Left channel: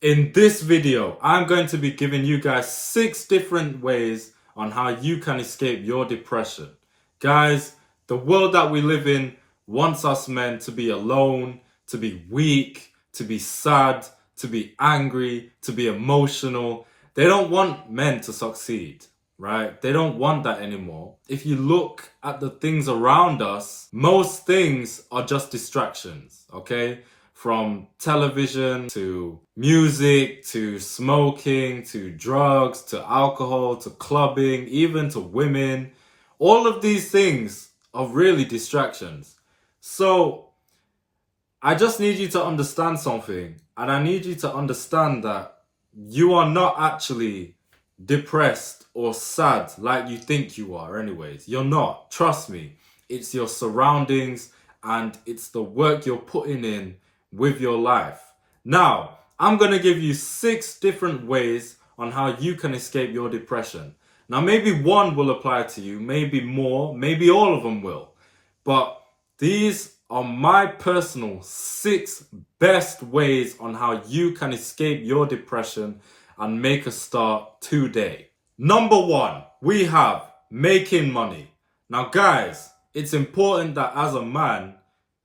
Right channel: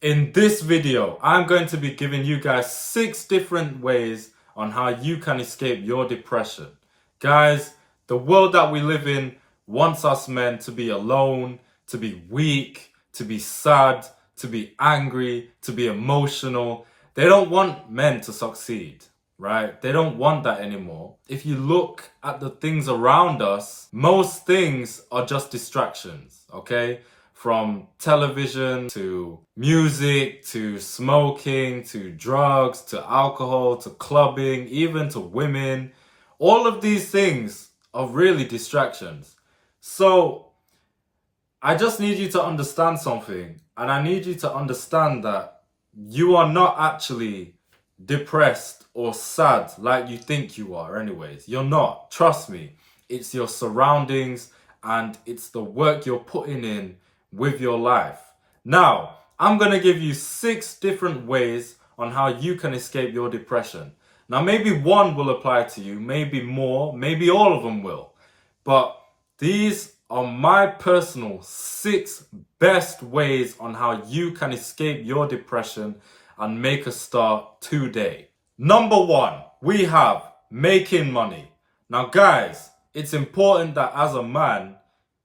In this video, I'm going to be giving you guys 6 different ways on how you can escape your depression. Guys, the world that we live in wants us men to be alone, to be weak, to be sad, to be angry, to be emotional. They don't want men to succeed, right? They don't want that anymore. If you look at the things around us, most things are just distractions, okay? From television to music to smoking to drugs to alcohol to clubbing, even to women. All of these things are really distractions. So I just need you to understand something, and I need you to understand that you are not actually depressed or sad like you think you are anyways. You're not. Trust me. It's your surroundings and it's the work you're putting in with your life. Now, I'm going to give you 6 different ways on how you can escape your depression. Now, maybe one will apply to you, maybe more, maybe all of them will. But these are my personal 6 best ways on how you can escape your depression and make a start today. Number 1, we have making money. Now, guys, it's important that as a man,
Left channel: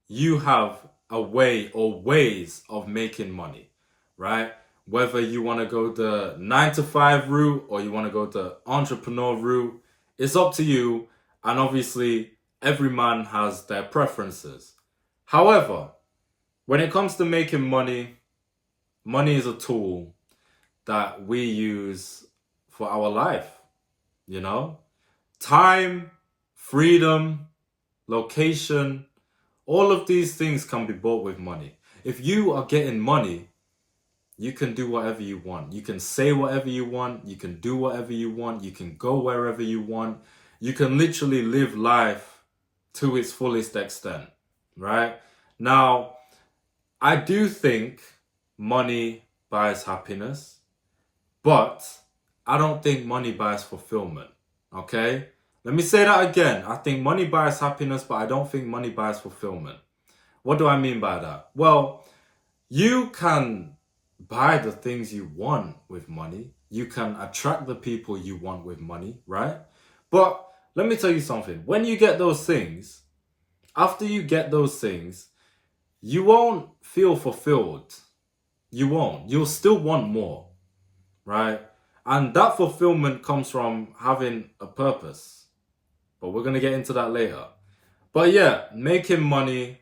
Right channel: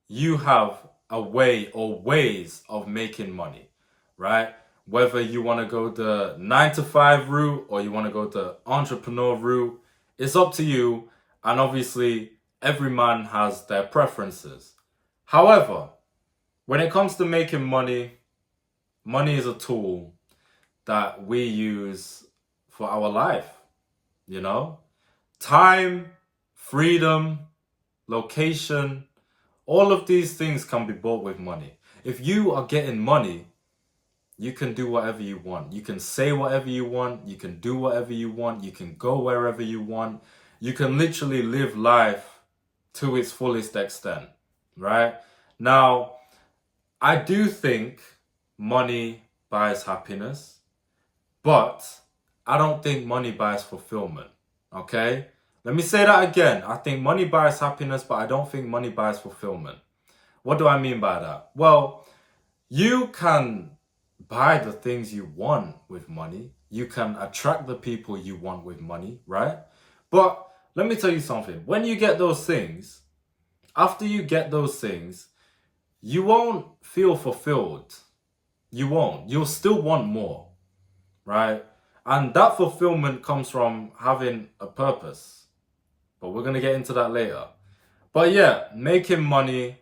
you have a way or ways of making money, right? Whether you want to go the 9 to 5 route or you want to go the entrepreneur route, it's up to you. And obviously, every man has their preferences. However, when it comes to making money, money is a tool that we use for our life, you know? Time, freedom, location, all of these things can be bought with money. If you are getting money, you can do whatever you want. You can say whatever you want. You can do whatever you want. You can go wherever you want. You can literally live life to its fullest extent, right? Now, I do think money buys happiness, but I don't think money buys fulfillment, okay? Let me say that again. I think money buys happiness, but I don't think money buys fulfillment. What do I mean by that? Well, you can buy the things you want with money. You can attract the people you want with money, right? But let me tell you something. When you get those things, after you get those things, you won't feel fulfilled. You won't. You'll still want more, right? And that fulfillment comes from having a purpose. But we're going to get into that later. But yeah, making money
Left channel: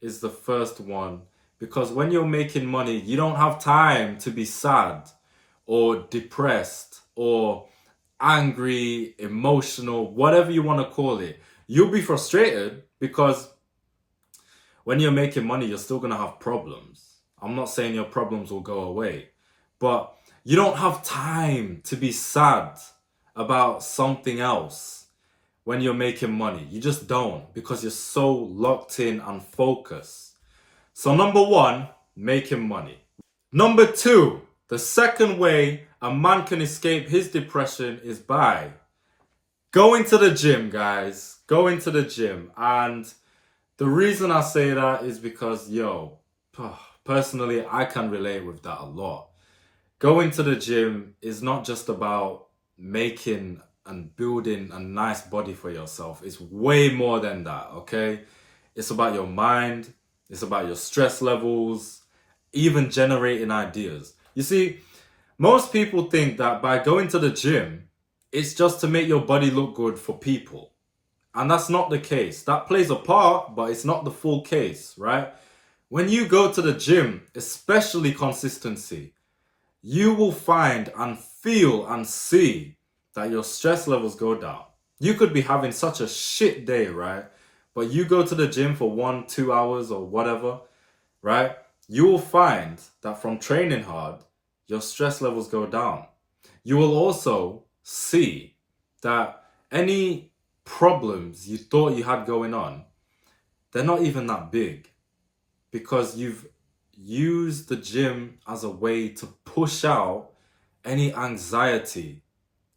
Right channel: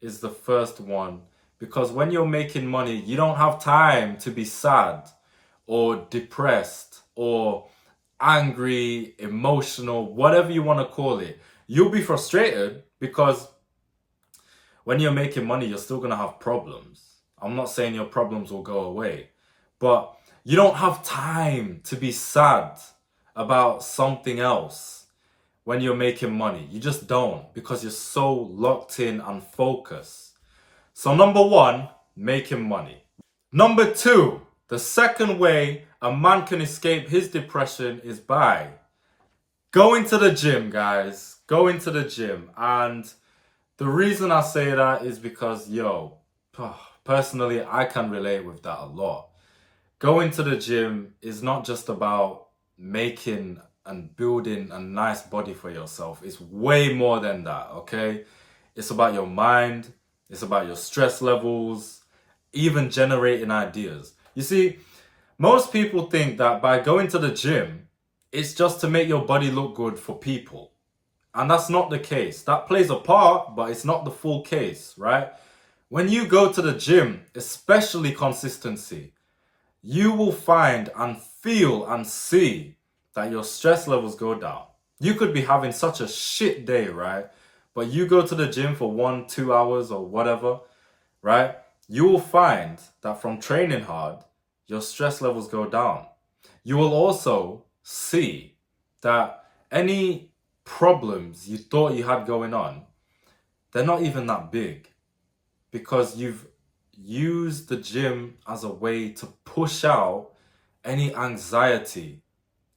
is the first one. Because when you're making money, you don't have time to be sad or depressed or angry, emotional, whatever you want to call it. You'll be frustrated because when you're making money, you're still going to have problems. I'm not saying your problems will go away, but you don't have time to be sad about something else when you're making money. You just don't, because you're so locked in and focused. So number 1, making money. Number 2, the second way a man can escape his depression is by going to the gym, guys. Going to the gym. And the reason I say that is because, personally, I can relate with that a lot. Going to the gym is not just about making and building a nice body for yourself. It's way more than that, okay? It's about your mind. It's about your stress levels, even generating ideas. You see, most people think that by going to the gym, it's just to make your body look good for people. And that's not the case. That plays a part, but it's not the full case, right? When you go to the gym, especially consistency, you will find and feel and see that your stress levels go down. You could be having such a shit day, right? But you go to the gym for 1-2 hours or whatever, right? You will find that from training hard, your stress levels go down. You will also see that any problems you thought you had going on, they're not even that big, because you've used the gym as a way to push out any anxiety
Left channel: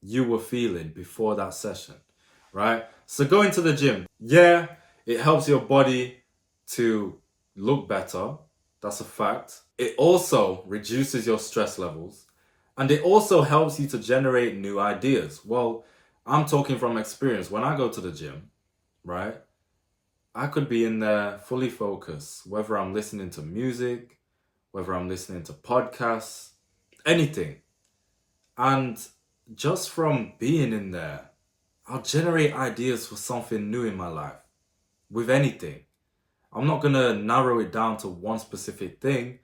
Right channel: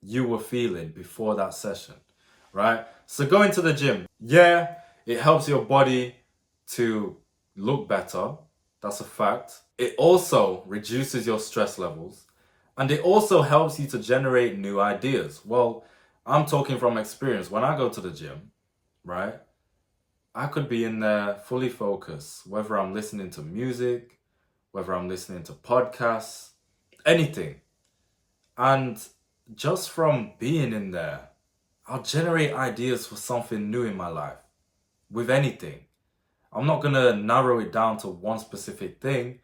you were feeling before that session, right? So going to the gym, yeah, it helps your body to look better, That's a fact. It also reduces your stress levels, and it also helps you to generate new ideas. Well, I'm talking from experience. When I go to the gym, right, I could be in there fully focused, whether I'm listening to music, whether I'm listening to podcasts, anything. And just from being in there, I'll generate ideas for something new in my life with anything. I'm not going to narrow it down to one specific thing,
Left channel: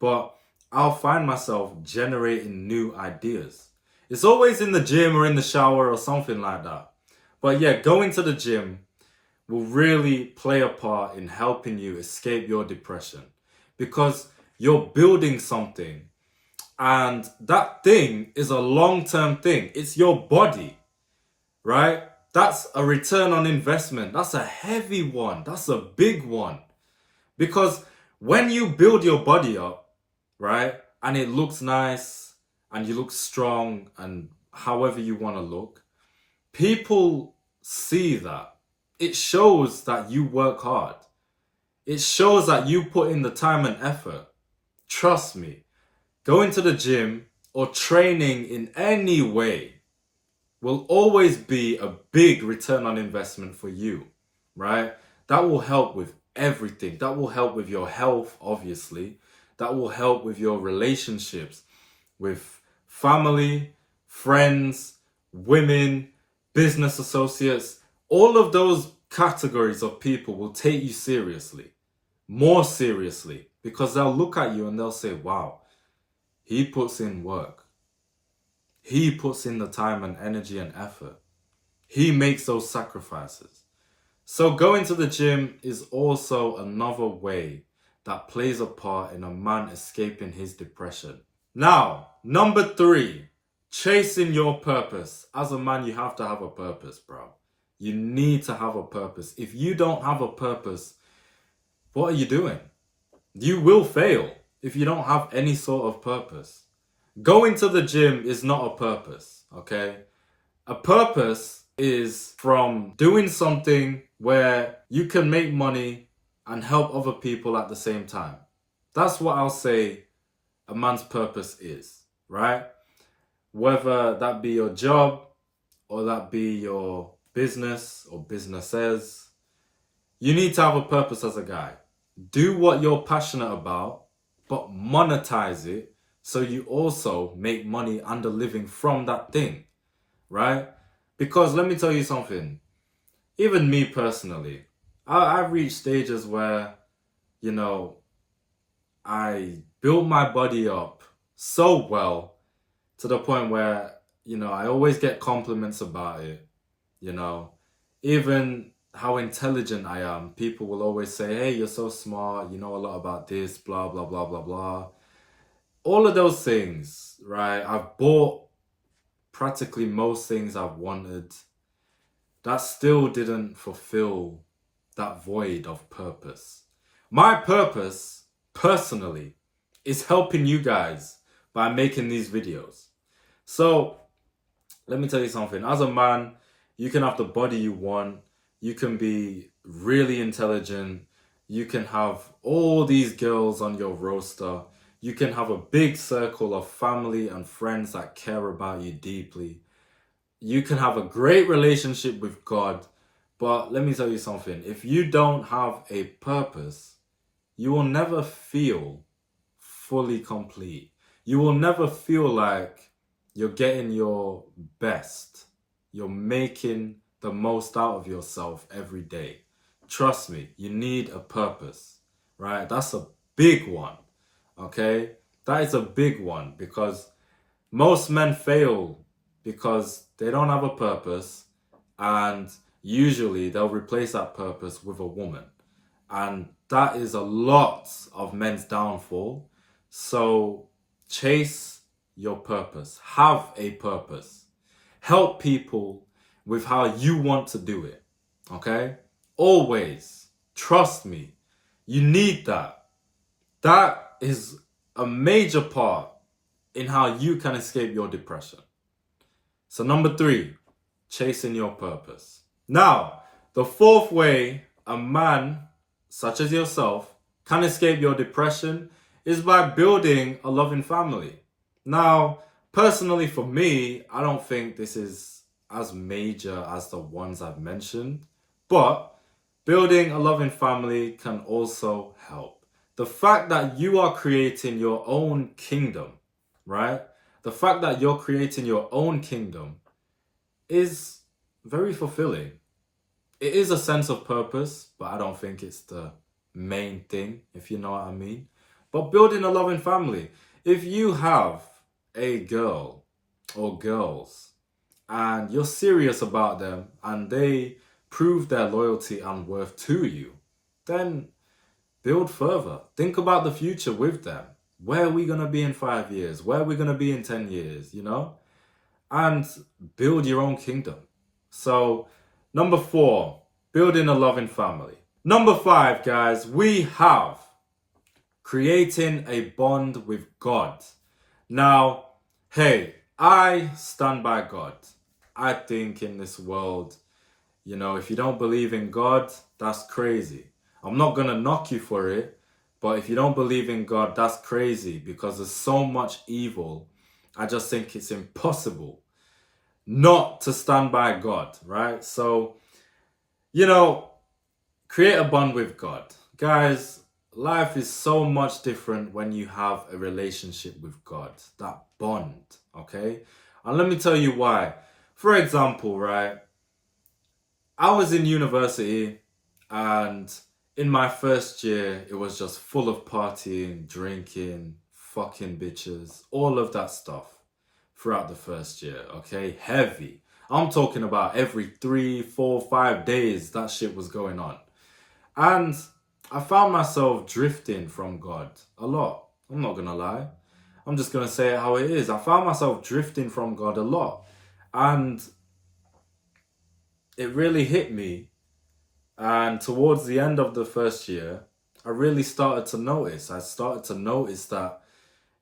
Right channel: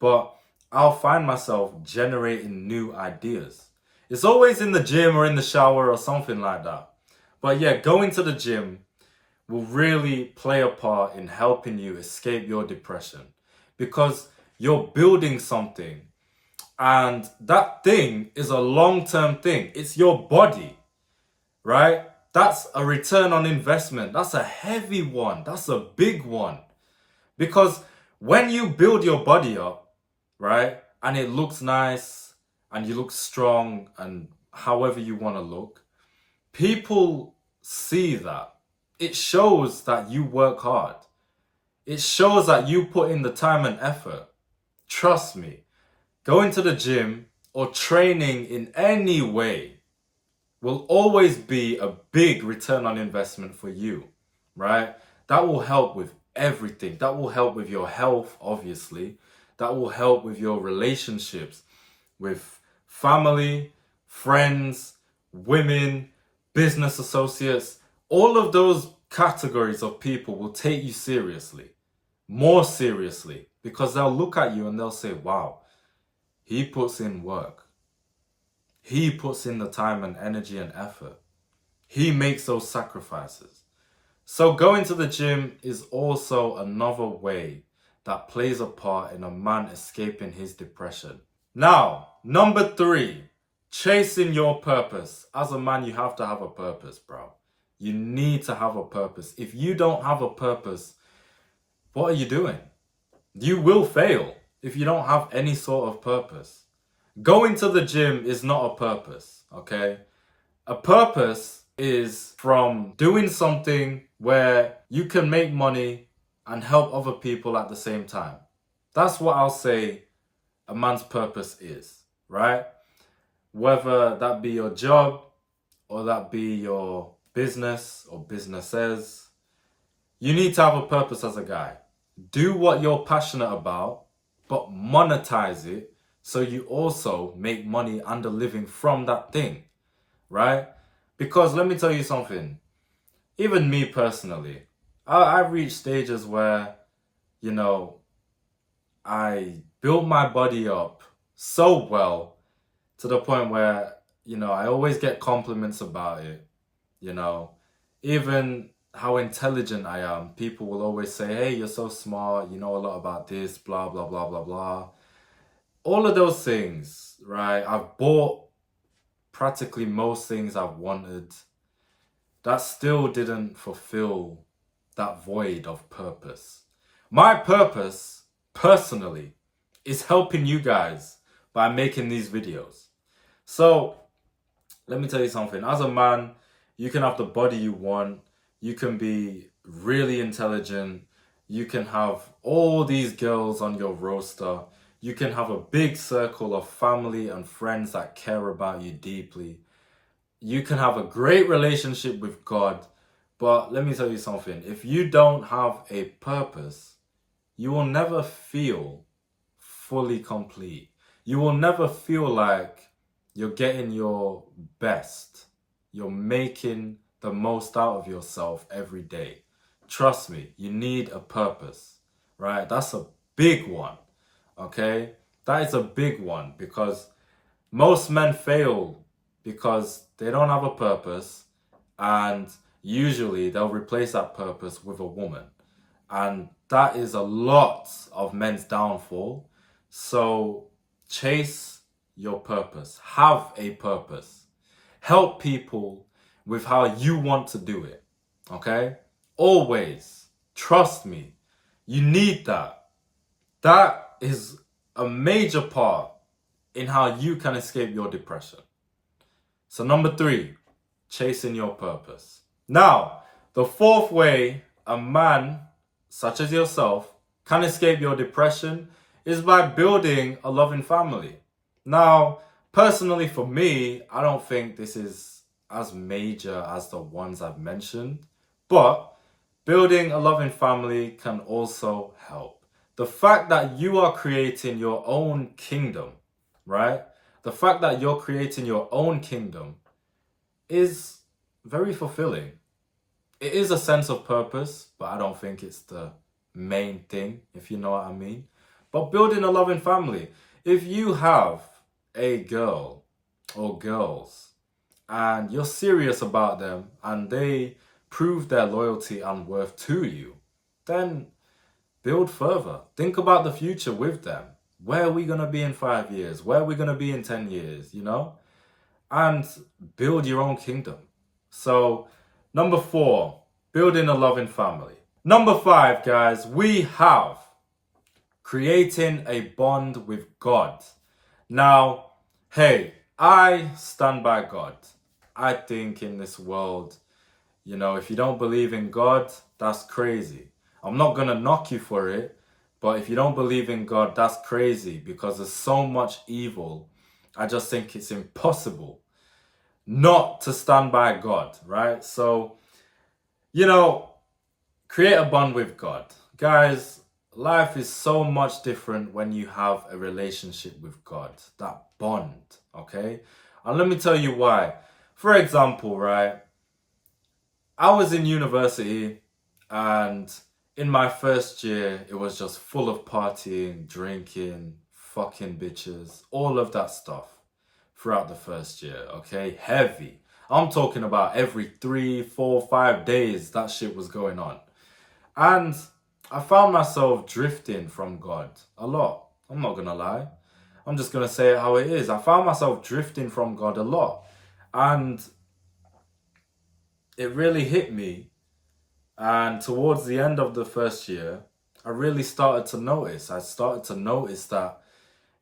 but I'll find myself generating new ideas. It's always in the gym or in the shower or something like that. But yeah, going to the gym will really play a part in helping you escape your depression because you're building something, and that thing is a long-term thing. It's your body, right? That's a return on investment. That's a heavy one. That's a big one. Because when you build your body up, right, and it looks nice and you look strong and however you want to look, people see that. It shows that you work hard. It shows that you put in the time and effort. Trust me, going to the gym or training in any way will always be a big return on investment for you, right? That will help with everything. That will help with your health, obviously. That will help with your relationships with family, friends, women, business associates. All of those categories of people will take you seriously, more seriously, because they'll look at you and they'll say, wow, he puts in work. He puts in the time and energy and effort. He makes those sacrifices. So going to the gym is also another way that plays a part in a man escaping his depression. Now, number 3, chasing your purpose. As a man, you have to have a purpose, bro. You need to have a purpose. If you don't have a purpose, what are you doing? You will fail if you don't have any sort of purpose. Going to the gym is not a purpose, okay? A purpose is from doing something where you can make money and help other people at the same time. That's what I'll say a man's purpose is, right? Whether that be your job or that be your business or businesses, you need to have a purpose as a guy. Do what you're passionate about, but monetize it so you also make money and a living from that thing, right? Because let me tell you something, even me personally, I've reached stages where, you know, I built my body up so well to the point where, you know, I always get compliments about it, you know, even how intelligent I am. People will always say, hey, you're so smart, you know a lot about this, blah, blah, blah, blah, blah. All of those things, right? I've bought practically most things I've wanted. That still didn't fulfill that void of purpose. My purpose, personally, is helping you guys by making these videos. So, let me tell you something. As a man, you can have the body you want. You can be really intelligent. You can have all these girls on your roster. You can have a big circle of family and friends that care about you deeply. You can have a great relationship with God. But let me tell you something. If you don't have a purpose, you will never feel fully complete. You will never feel like you're getting your best. You're making the most out of yourself every day. Trust me, you need a purpose, right? That's a big one, okay? That is a big one because most men fail because they don't have a purpose, and usually they'll replace that purpose with a woman. And that is a lot of men's downfall. So chase your purpose. Have a purpose. Help people with how you want to do it. Okay? Always. Trust me. You need that. That is a major part in how you can escape your depression. So number 3, chasing your purpose. Now, the 4th way a man such as yourself can escape your depression is by building a loving family. Now, personally for me, I don't think this is as major as the ones I've mentioned, but building a loving family can also help. The fact that you are creating your own kingdom, right? The fact that you're creating your own kingdom is very fulfilling. It is a sense of purpose, but I don't think it's the main thing, if you know what I mean. But building a loving family, if you have a girl or girls and you're serious about them and they prove their loyalty and worth to you, then build further. Think about the future with them. Where are we going to be in 5 years? Where are we going to be in 10 years, you know? And build your own kingdom. So, number 4, building a loving family. Number 5, guys, we have creating a bond with God. Now, hey, I stand by God. I think in this world, you know, if you don't believe in God, that's crazy. I'm not going to knock you for it, but if you don't believe in God, that's crazy because there's so much evil. I just think it's impossible not to stand by God, right? So, you know, create a bond with God. Guys, life is so much different when you have a relationship with God, that bond, okay? And let me tell you why. For example, right, I was in university and in my first year, it was just full of partying, drinking, fucking bitches, all of that stuff throughout the first year, okay? Heavy. I'm talking about every 3, 4, 5 days that shit was going on. And I found myself drifting from God a lot. I'm not gonna lie. I'm just gonna say it how it is. I found myself drifting from God a lot. And it really hit me. And towards the end of the first year, I really started to notice. I started to notice that,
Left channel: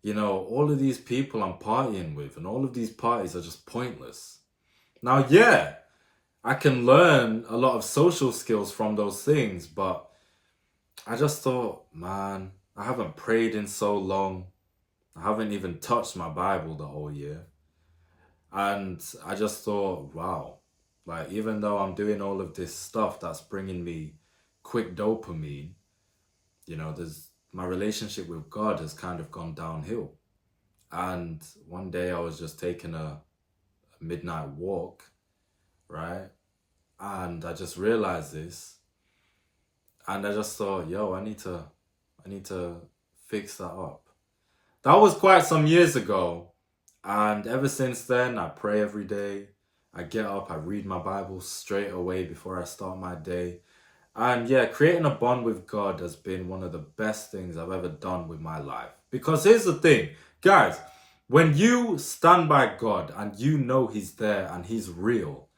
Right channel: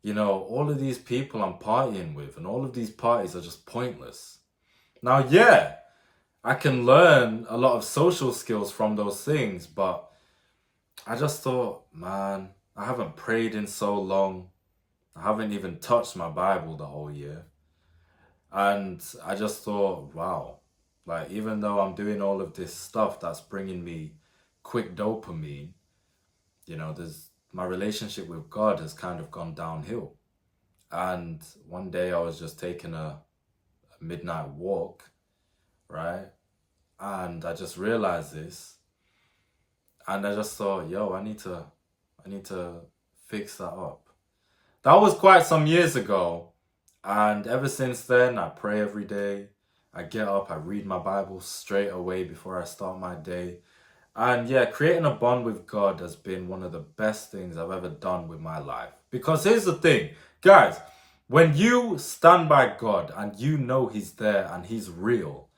you know, all of these people I'm partying with and all of these parties are just pointless. Now, yeah, I can learn a lot of social skills from those things, but I just thought, man, I haven't prayed in so long. I haven't even touched my Bible the whole year. And I just thought, wow, like even though I'm doing all of this stuff that's bringing me quick dopamine, you know, there's my relationship with God has kind of gone downhill. And one day I was just taking a midnight walk, right? And I just realized this. And I just thought, yo, I need to fix that up. That was quite some years ago. And ever since then, I pray every day. I get up, I read my Bible straight away before I start my day. And yeah, creating a bond with God has been one of the best things I've ever done with my life. Because here's the thing, guys, when you stand by God and you know He's there and He's real,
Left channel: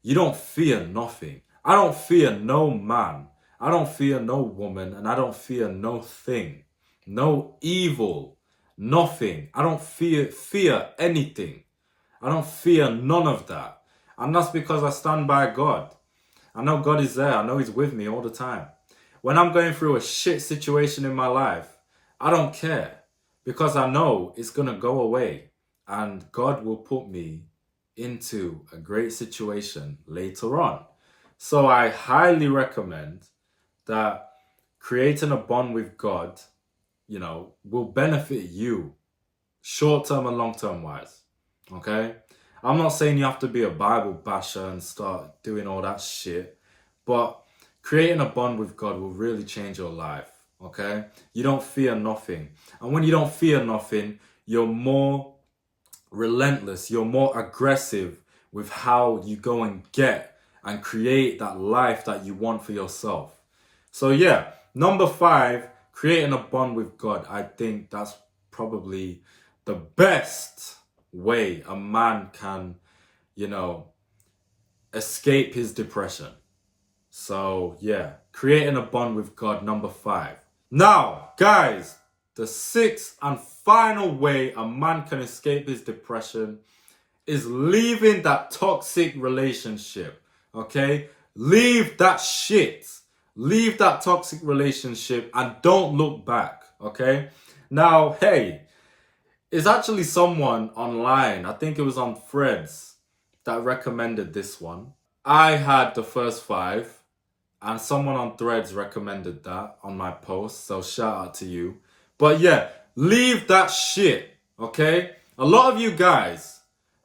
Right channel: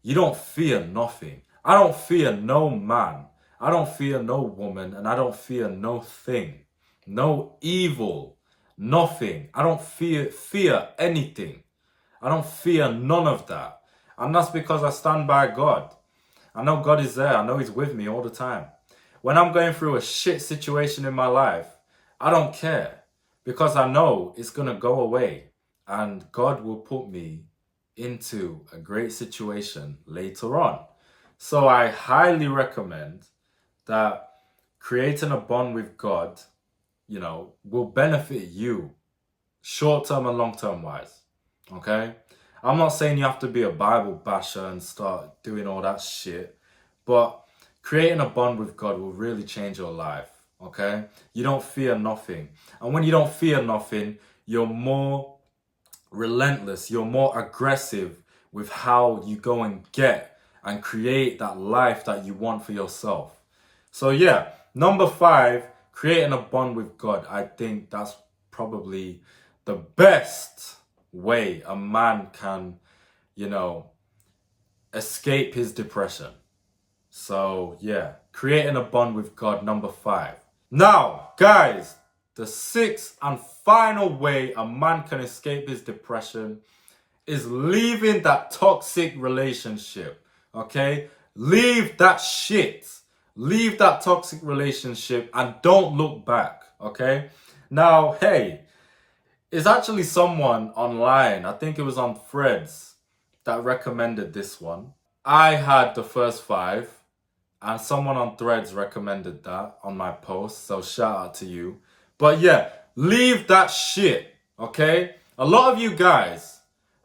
you don't fear nothing. I don't fear no man. I don't fear no woman, and I don't fear no thing. No evil. Nothing. I don't fear anything. I don't fear none of that. And that's because I stand by God. I know God is there. I know He's with me all the time. When I'm going through a shit situation in my life, I don't care because I know it's going to go away and God will put me into a great situation later on. So I highly recommend that creating a bond with God, you know, will benefit you short-term and long-term wise. Okay? I'm not saying you have to be a Bible basher and start doing all that shit, but creating a bond with God will really change your life. Okay? You don't fear nothing. And when you don't fear nothing, you're more relentless, you're more aggressive with how you go and get and create that life that you want for yourself. So yeah, number 5, creating a bond with God. I think that's probably the best way a man can, you know, escape his depression. So yeah, creating a bond with God, number 5. Now, guys, the 6th and final way a man can escape his depression is leaving that toxic relationship, okay? Leave that shit. Leave that toxic relationship and don't look back, okay? Now, hey, it's actually someone online, I think it was on Threads, that recommended this one. I had the first 5, and someone on Threads recommended that on my post, so shout out to you. But yeah, leave that shit, okay? A lot of you guys,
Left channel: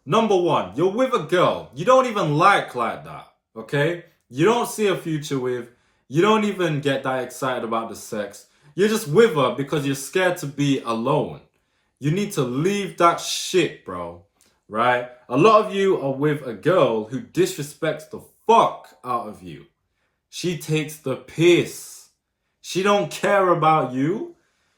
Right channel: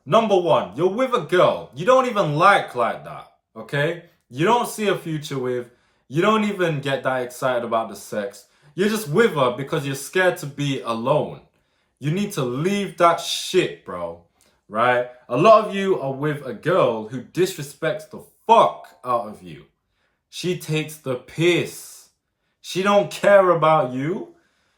number one, you're with a girl you don't even like that, okay? You don't see a future with, you don't even get that excited about the sex. You're just with her because you're scared to be alone. You need to leave that shit, bro, right? A lot of you are with a girl who disrespects the fuck out of you. She takes the piss. She don't care about you.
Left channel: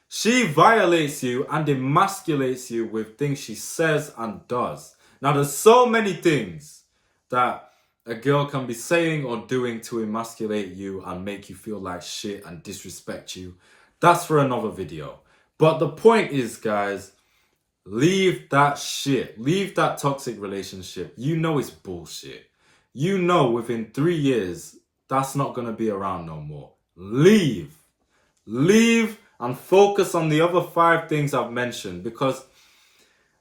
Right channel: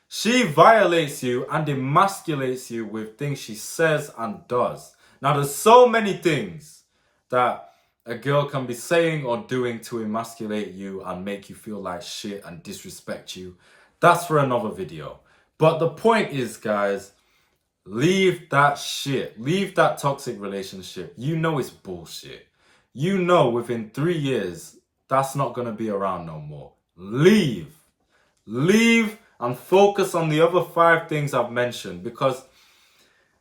She violates you and emasculates you with things she says and does. Now, there's so many things that a girl can be saying or doing to emasculate you and make you feel like shit and disrespect you. That's for another video. But the point is, guys, leave that shit. Leave that toxic relationship. You know it's bullshit. You know within 3 years, that's not going to be around no more. Leave. Leave and focus on the other 5 things I've mentioned because,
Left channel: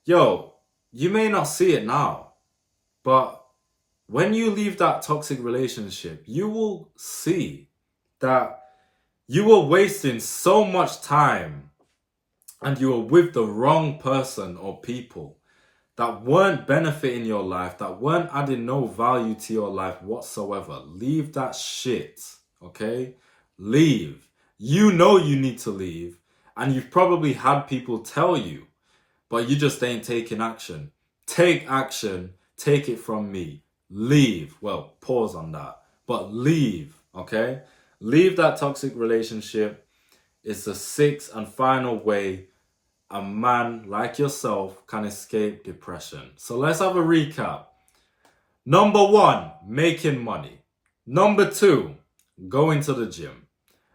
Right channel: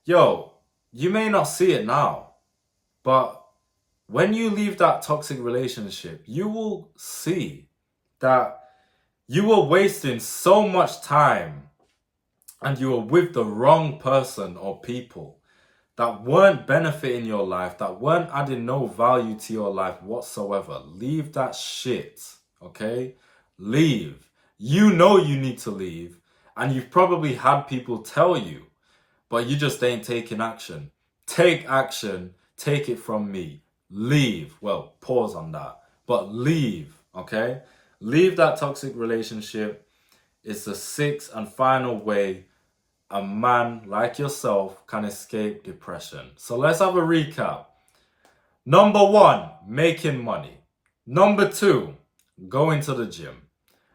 yo, you may not see it now, but when you leave that toxic relationship, you will see that you were wasting so much time and you were with the wrong person or people that weren't benefiting your life, that weren't adding no value to your life whatsoever. Leave that shit, okay? Leave. You know you need to leave, and you've probably had people tell you, but you just ain't taking action. Take action. Take it from me. Leave. Well, pause on that. But leave, okay? Leave that toxic relationship. It's the 6th and final way a man like yourself can escape depression. So let's have a recap. Number 1, making money. Number 2, going to the gym.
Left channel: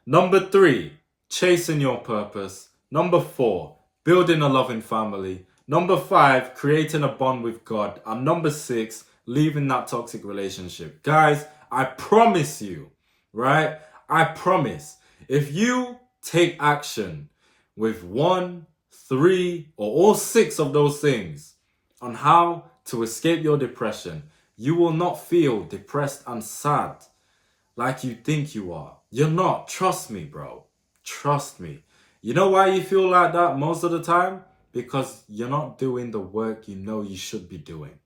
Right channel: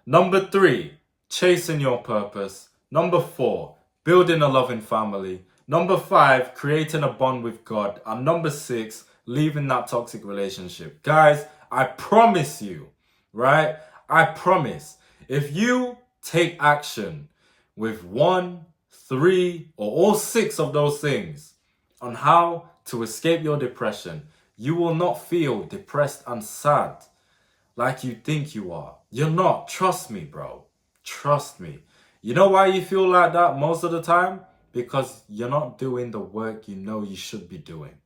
Number 3, chasing your purpose. Number 4, building a loving family. Number 5, creating a bond with God. And number 6, leaving that toxic relationship. Guys, I promise you, right? I promise, if you take action with 1, 3, or all 6 of those things on how to escape your depression, you will not feel depressed and sad like you think you are. You're not. Trust me, bro. Trust me. You know why you feel like that most of the time? Because you're not doing the work you know you should be doing.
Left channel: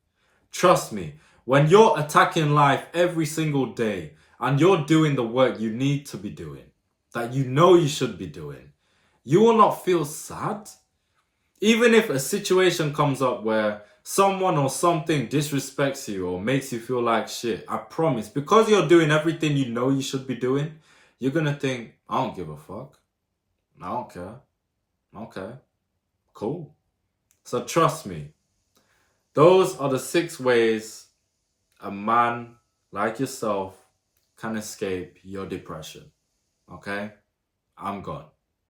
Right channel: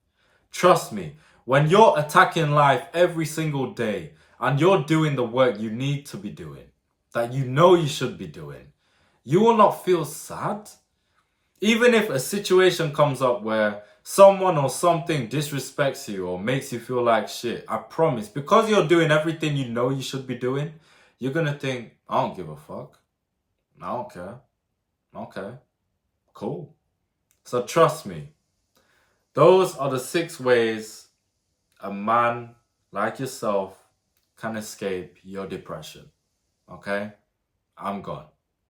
Trust me. When you're attacking life every single day and you're doing the work you need to be doing, that you know you should be doing, you will not feel sad. Even if a situation comes up where someone or something disrespects you or makes you feel like shit, I promise, because you're doing everything you know you should be doing, you're going to think, I don't give a fuck. I don't care. Okay, cool. So trust me, those are the 6 ways a man like yourself can escape your depression. Okay? I'm gone.